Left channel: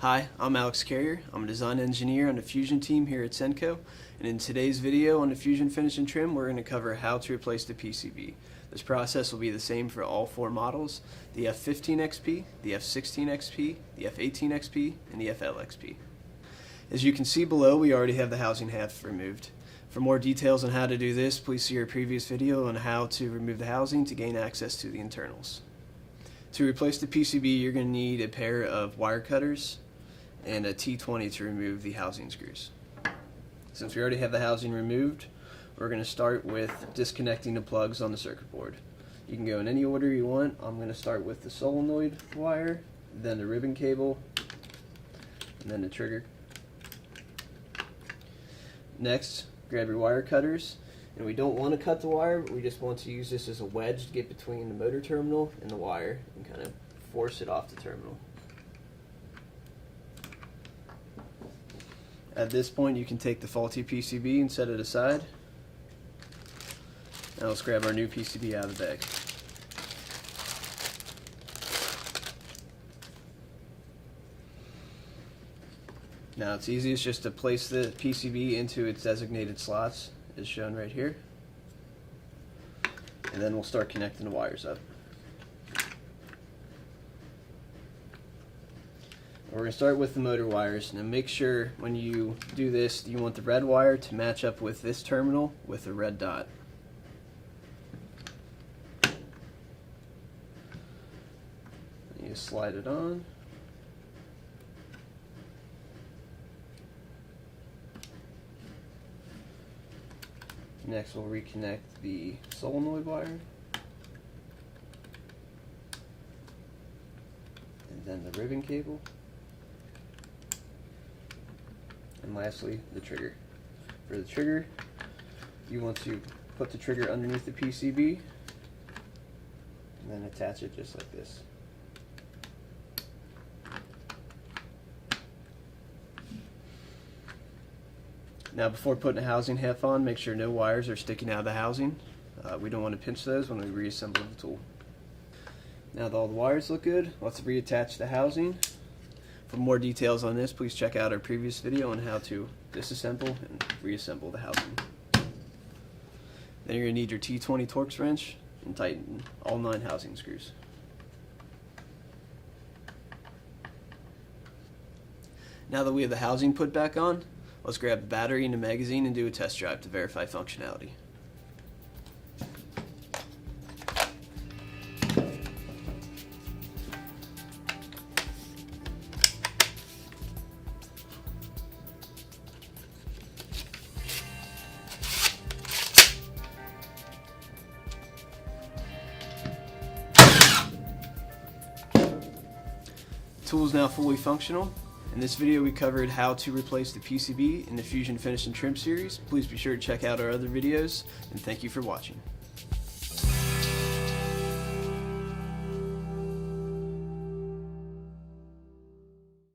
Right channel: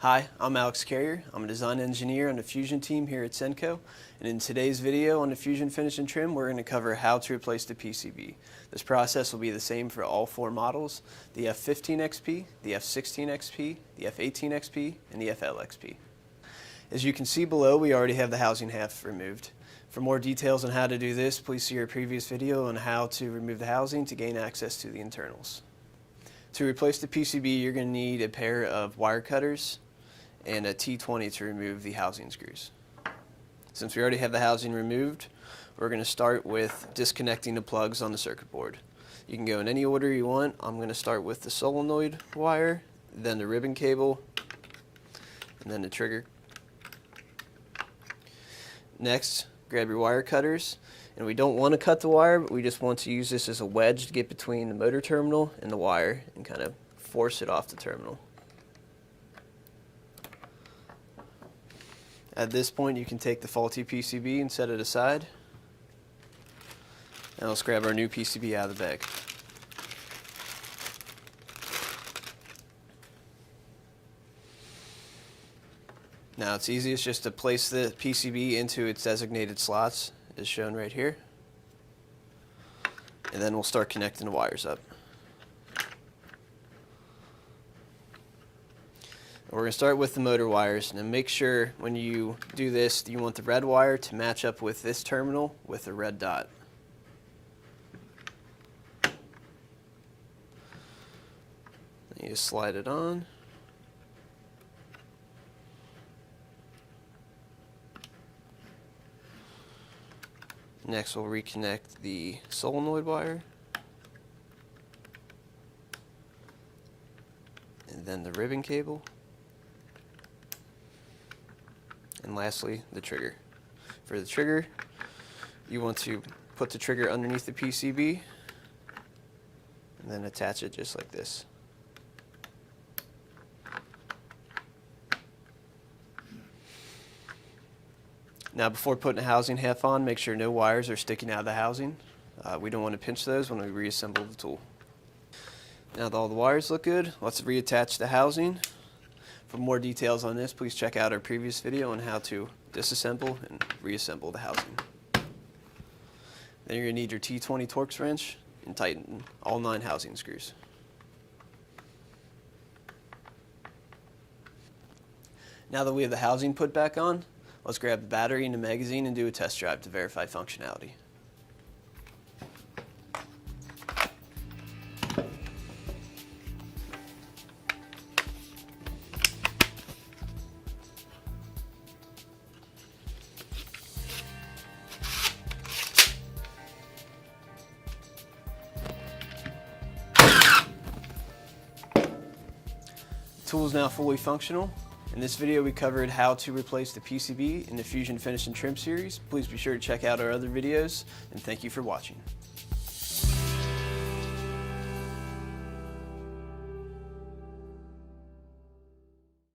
Hi, I'm Alex Carrier. I'm a design engineer on the Fusion team here at Senco, and in today's video on the Fusion Finish and Trim, we're going to cover how to replace the PCB. This process will be the same for all four models: the F15XP, the F16XP, the F18XP, and the FLXP. As you can see below, we already have the housing half removed. For more details on how to do this, please see our previous video on how to remove the housing to gain access to the internals. To replace the PCB, you're going to need a pair of wire cutters and a T20 to remove the housing screws. Since we already have the housing removed, we're going to start with disconnecting the plugs on the circuit board. You can go in any order you want. I'm going to start with the solenoid wire, then the ribbon cable, and then the trigger. Next, grab your wire cutters, and we don't want to cut the wire, but we just want to use this as a wedge to get between the motor terminal and the wire and kind of force it off the terminal. At this point, you can take the faulty PCB and set it aside. Now let's grab our new PCB out of the bag. Now it's easiest just to place the PCB into its designated slots, as shown right here. And then we'll start connecting the wires up. We're going to start with the motor wires, and then make sure when you do this, you want the red wire to match up with this terminal with a red dot. You just slide it on. Next, we'll reconnect the solenoid wire, and then the ribbon cable, and lastly, the trigger. For the trigger, you want to put the trigger underneath the PCB and then attach it just like this. Now, before putting the housing half on, make sure no wires are sticking out of the housing. We don't want to pinch those when we reassemble the tool. Now that all the wires look good, let's reattach the housing. For more details on this, please check out our previous video on how to disassemble and reassemble the housing. Then you're going to need your T20 Torx wrench and tighten all 9 housing screws. Now that we have the housing put back on, let's grab the battery and the magazine and do a test drive to verify functionality. The tool is now fully functional. In this video, we covered how to replace the PCB in the Fusion Finish and Trim series. Please be sure to check out our other videos, and thank you for watching.